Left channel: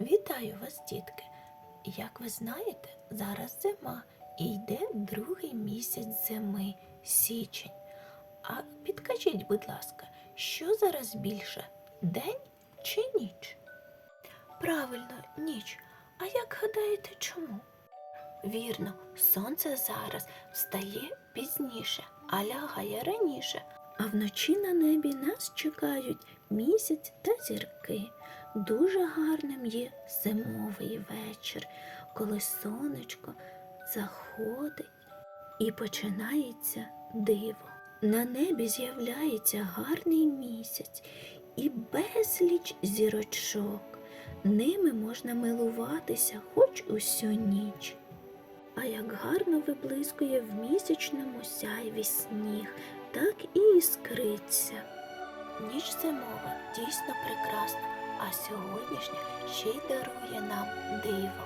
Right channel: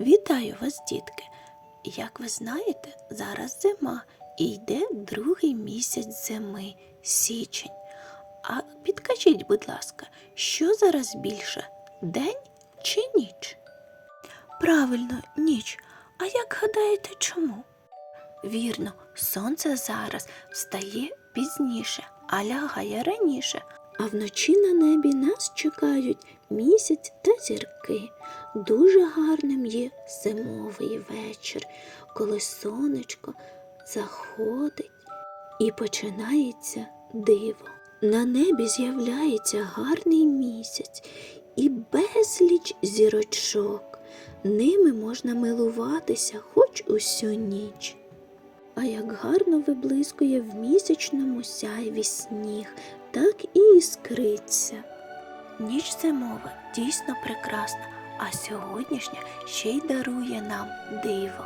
Вітаю вас, дітки! Як ви знаєте, зараз зима і йде другий місяць зими січень. А підкажіть, будь ласка, що зараз більше день чи ніч? Правильно, ніч. А як гадаєте, чому? Вірно, сонце зараз встає пізніше, а лягає раніше. А вночі на небі нас чекають місяць та зірки. Дуже гарним є зимовий вечір, коли сонечко заходить і починається диво. На небі з'являється гарний місяць і безліч зірочок. Ними можна милуватися хоч усю ніч. А як гарно виблискує в місячному сяйві сніг, так і іскриться. Ніч зимова дійсно прекрасна, а сьогоднішня ще й дарує нам диво.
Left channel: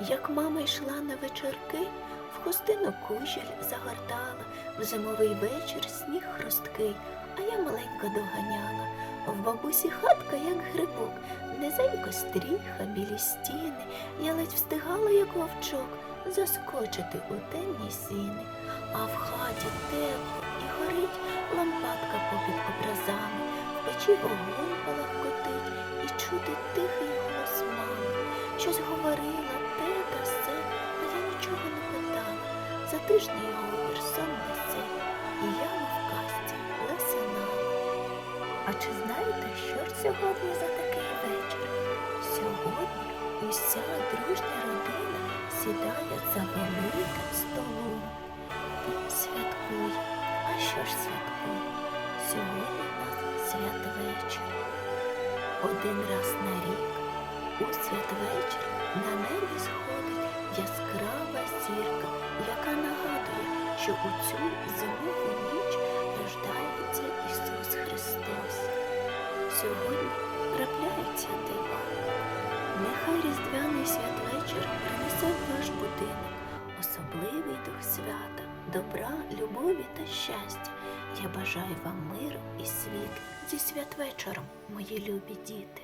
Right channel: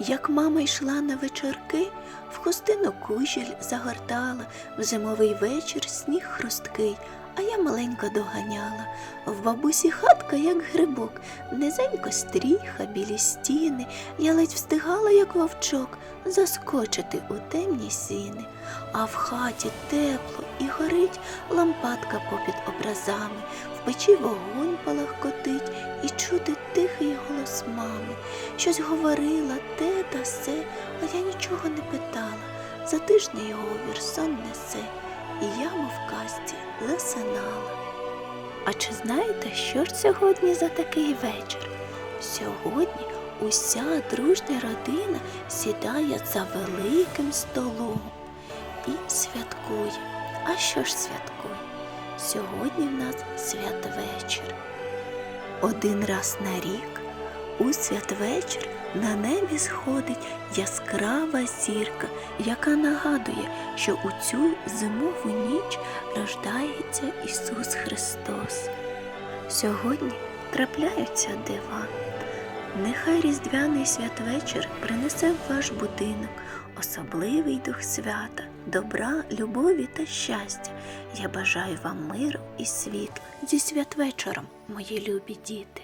Як мама йшла на вечірки, в хустину кужіль загортала, в зимовий вечір сніг хрусткий, а я маленько доганяла. В бабусі хатка, як грибок, низенько стріха, білі стіни, я ледь встигала, як вовчок, заскочити у темні сіни. А в хаті тепло і горить лампадка попід образами, печі вогонь палахкотить і чути тихий голос мами. Щось говорила те та се, а я нічого не питала. Затишний говір сон несе, і я, мов в казці, лисинала. А чи знаєте, що ж сьогодні за такий вечір? Сьогодні уся дружня родина сідає за великим столом і святкує. А що ж святкує? Сьогодні в нас святвечір. Один раз на рік у святвечір на небі сходить яскрава зірка, яка нагадує, що у цю зимову ніч рождається Ісус Христос. Сьогодні трапляються дива. Нехай різдвяний святвечір принесе в ваш будинок особливий дух свята, добра, любові та щастя. Я бажаю вам миру і світла зі святвечором, мої любі діти.